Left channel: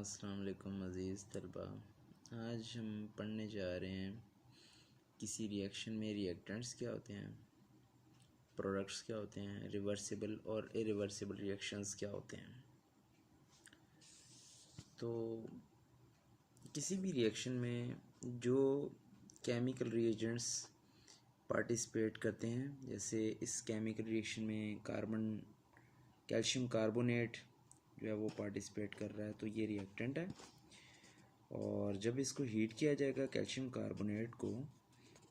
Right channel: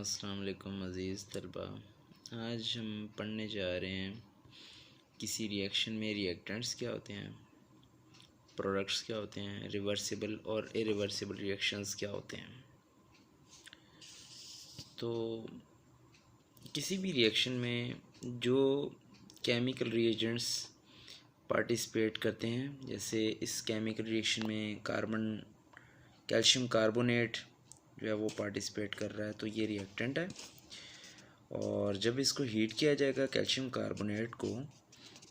अस्सलाम वालेकुम अज़ीज़ तलबा। आज हम पढ़ने जा रहे हैं किसी रिएक्शन में रिएक्टेंट्स क्या होते हैं, प्रोडक्ट्स क्या होते हैं, रिवर्सिबल और इरिवर्सिबल रिएक्शंस क्या होते हैं। तो किसी भी रिएक्शन में जो केमिकल रिएजेंट्स पार्टिसिपेट करते हैं, जैसे इस केमिकल रिएक्शन में कैल्शियम कार्बोनेट जो है वो पार्टिसिपेट कर रहा है, तो ये रिएक्टेंट है। और जब इसको हीट किया जाएगा कैल्शियम कार्बोनेट को,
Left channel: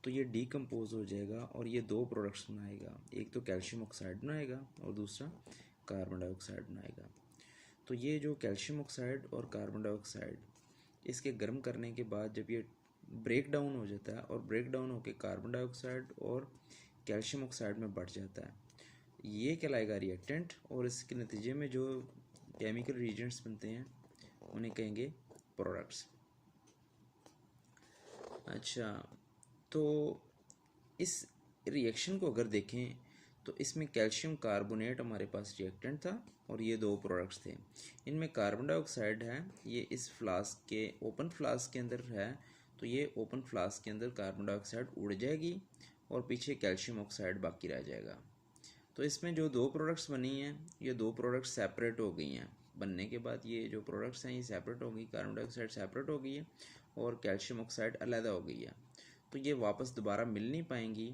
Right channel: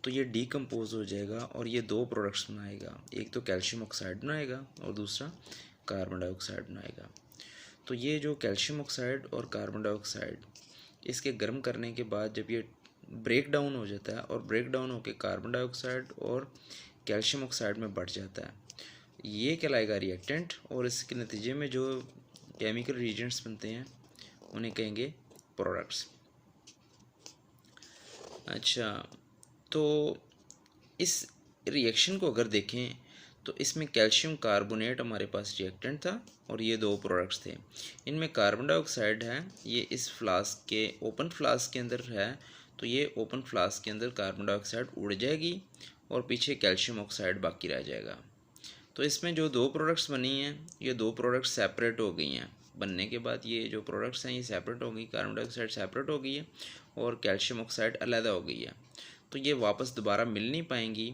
तो ये डीकम्पोज हो जाएगा और ये दो प्रोडक्ट्स बनाएगा। एक तो कैल्शियम ऑक्साइड बनाएगा और दूसरा कार्बन डाइऑक्साइड बनाएगा। तो ये जो कैल्शियम ऑक्साइड और कार्बन डाइऑक्साइड, इसके गर्म करने के बाद जब ये ब्रेक डाउन हो जाता है और ब्रेक डाउन होकर कार्बन डाइऑक्साइड और कैल्शियम ऑक्साइड में बढ़ जाता है, ये कहलाएगा रिएक्टेंट। और इसके नतीजे में जो केमिकल रिएजेंट्स बनते हैं उन्हें कहेंगे प्रोडक्ट्स। अच्छा, तो इस रिएक्शन को अगर देखें तो इसमें कैल्शियम कार्बोनेट हमारे पास रिएक्टेंट था और ये दो प्रोडक्ट्स थे। इनमें कार्बन डाइऑक्साइड है, ये इस फ्लास्क के ओपन फ्लास्क के अंदर है, तो ये ओपन फ्लास्क के अंदर कार्बन डाइऑक्साइड उड़ जाएगी और पीछे कैल्शियम ऑक्साइड बाकी रह जाएगा। तो इसमें जो दो प्रोडक्ट्स बनी हैं, ये दो प्रोडक्ट्स सेपरेट हो गई हैं। बनने के बाद ये जो प्रोडक्ट्स हैं ये सेपरेट हो गई, कार्बन डाइऑक्साइड सेपरेट हो गई है और कैल्शियम ऑक्साइड अलहदा हो गई है। तो ये वापस दोबारा मिल नहीं पाएंगी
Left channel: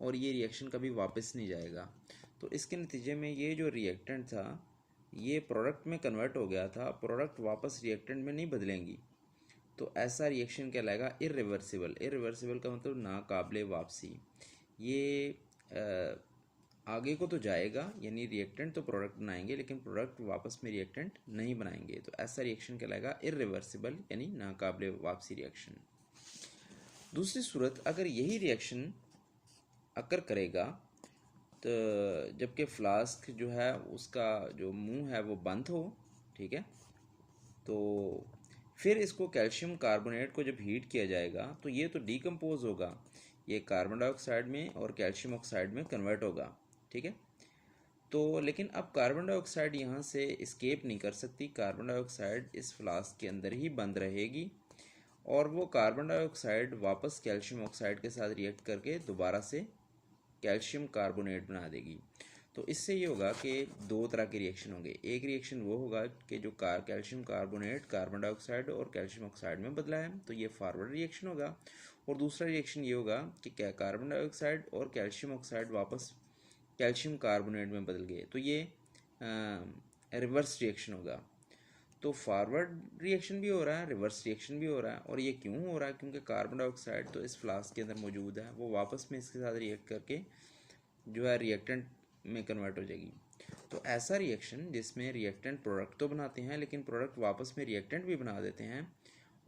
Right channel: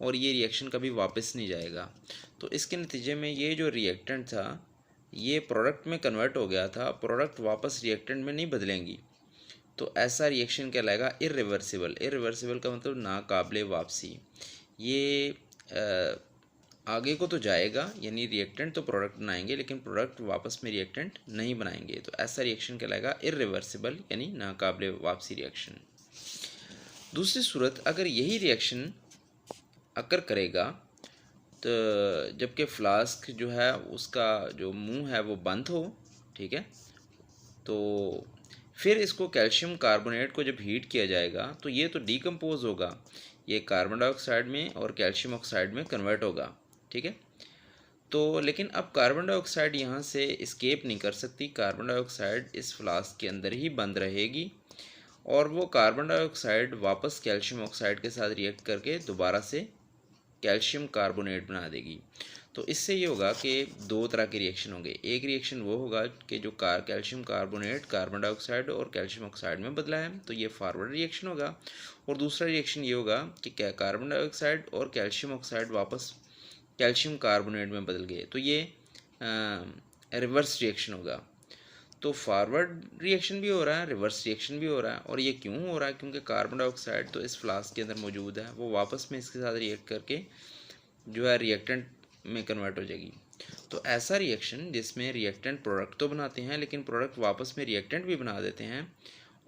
और ये रिएक्शन कभी वापस नहीं जाएगा। तो इसके नतीजे में ये जो रिएक्टेंट था ये प्रोडक्ट में कन्वर्ट हो गया था, प्रोडक्ट वापस रिएक्टेंट में नहीं बदलेंगी। तो ऐसा रिएक्शन कहलाएगा इरिवर्सिबल। इरिवर्सिबल का मतलब नाकाबिले वापसी। ये आगे को तो जाएगा, यानी रिएक्टेंट तो प्रोडक्ट बनाएंगे लेकिन प्रोडक्ट वापस में रिएक्टेंट नहीं बनाएंगे। तो ऐसा रिएक्शन कहलाएगा इरिवर्सिबल, यानी नाकाबिले वापसी रिएक्शन। दूसरी सूरत, अगर यही रिएक्शन अकर करेगा तो जबकि फ्लास्क जो है उसका जो मुंह है वो बंद हो, ठीक है, तो फिर इसको कैल्शियम कार्बोनेट को जब हीट किया जाएगा तो ये तो डीकम्पोज होगा, ये कार्बन डाइऑक्साइड में और कैल्शियम ऑक्साइड में कन्वर्ट होगा, ठीक है। तो लेकिन अब कार्बन डाइऑक्साइड यहाँ से एस्केप नहीं कर सकती, कार्बन डाइऑक्साइड इस फ्लास्क के अंदर ही बंद रहेगी और वो कार्बन डाइऑक्साइड वापस कैल्शियम ऑक्साइड के साथ रिएक्ट करके दोबारा से कैल्शियम कार्बोनेट बना देगी। तो इससे ये होगा कि दो तरह के रिएक्शन होंगे। एक रिएक्शन वो होगा कि जो कैल्शियम कार्बोनेट कार्बन डाइऑक्साइड और कैल्शियम ऑक्साइड में बदला है, तो ये फॉरवर्ड रिएक्शन होगा। और दूसरा रिएक्शन ये होगा कि क्या कार्बन डाइऑक्साइड और कैल्शियम ऑक्साइड वापस कैल्शियम कार्बोनेट में बदल गए, तो ये रिवर्स रिएक्शन होगा। तो फॉरवर्ड रिएक्शन भी हो रहा है, रिवर्स रिएक्शन भी हो रहा है। और ये क्यों हो रहा है? क्योंकि कार्बन डाइऑक्साइड तो इस फ्लास्क के अंदर मौजूद है, वो वापस में इसके साथ रिएक्ट करके जो है रिएक्टेंट में कन्वर्ट हो जाएगी। तो ऐसा रिएक्शन जिसमें रिएक्टेंट प्रोडक्ट तो बनाते हैं लेकिन प्रोडक्ट वापस में रिएक्टेंट भी बना देते हैं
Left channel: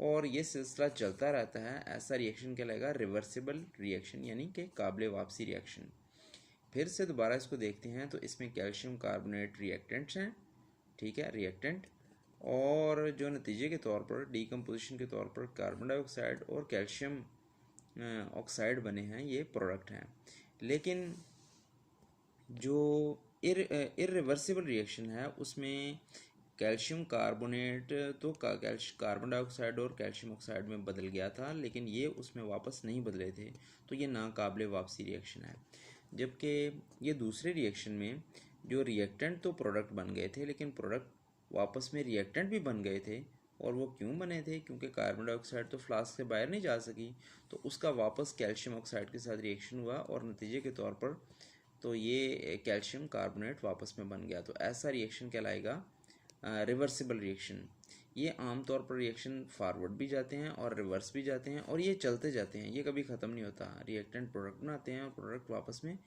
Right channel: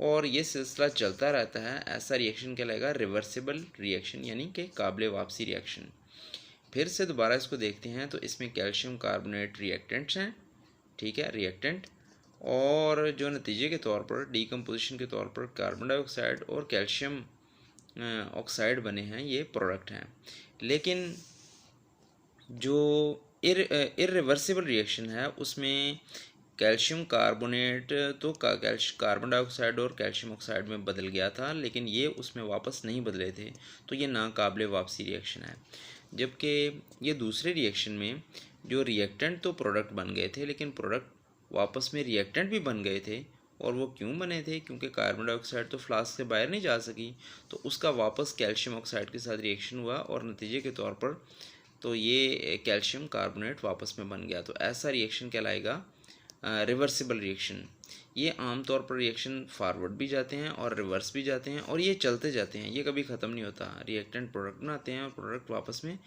और ये सिलसिला चलता रहता है, ऐसा रिएक्शन कहलाएगा रिवर्सिबल रिएक्शन, यानी कि काबिले वापसी रिएक्शन। फिर से दोबारा इसको देखते हैं तो इसमें कैल्शियम कार्बोनेट रिएक्टेंट्स हैं, ठीक है, रिएक्टेंट, और जो नतीजे के तौर पर डीकम्पोजिशन के तौर पर कार्बन डाइऑक्साइड और कैल्शियम ऑक्साइड बने हैं, ये प्रोडक्ट हैं। लेकिन जो इरिवर्सिबल रिएक्शन है उसमें कैल्शियम कार्बोनेट तो कार्बन डाइऑक्साइड और कैल्शियम ऑक्साइड में बदल गया था लेकिन ये उसमें वापस नहीं बदले थे, तो ये नाकाबिले वापसी रिएक्शन है। जबकि ये दूसरे रिएक्शन में जो रिएक्टेंट तो प्रोडक्ट बन गए थे लेकिन प्रोडक्ट वापस में रिएक्टेंट भी बन गए थे। और वो क्यों बने थे? क्योंकि कार्बन डाइऑक्साइड तो फ्लास्क से बाहर नहीं जा सकी, तो उसका वापस कैल्शियम ऑक्साइड के साथ रिएक्शन हुआ और नतीजे के तौर पर तो ये कैल्शियम कार्बोनेट वापस में बन गया। तो ऐसा रिएक्शन कहलाएगा रिवर्सिबल रिएक्शन। ये आमतौर पर रिएक्शन फॉरवर्ड भी जाते हैं और रिवर्स भी जाते हैं और ये चलते जाते हैं, ये कभी ख़त्म नहीं होता। रिएक्टेंट प्रोडक्ट बनाते हैं और प्रोडक्ट वापस में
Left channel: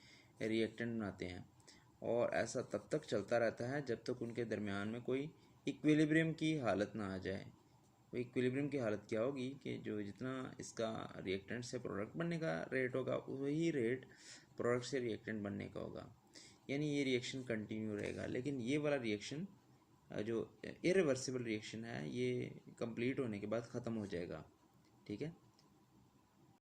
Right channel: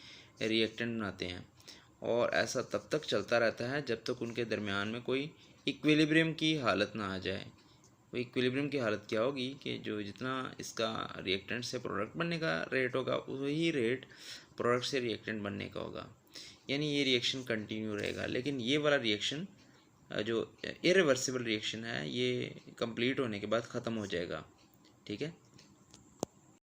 रिएक्टेंट बनाते हैं और ऐसा तब तक चलता रहता है जब तक उनके दरमियान में कोई इक्विलिब्रियम की हालत ना आ जाए। वो इक्विलिब्रियम की हालत क्या होगी कि जो जितना इसका रिएक्टेंट से प्रोडक्ट बनने का रेट होगा वही रेट प्रोडक्ट से रिएक्टेंट बनने का होगा, यानी ये रिएक्शन कंटिन्यू रहेगा। लेकिन ये वाला रिएक्शन जो इरिवर्सिबल रिएक्शन है ये कंप्लीट होने के बाद ख़त्म हो जाएगा, ठीक है।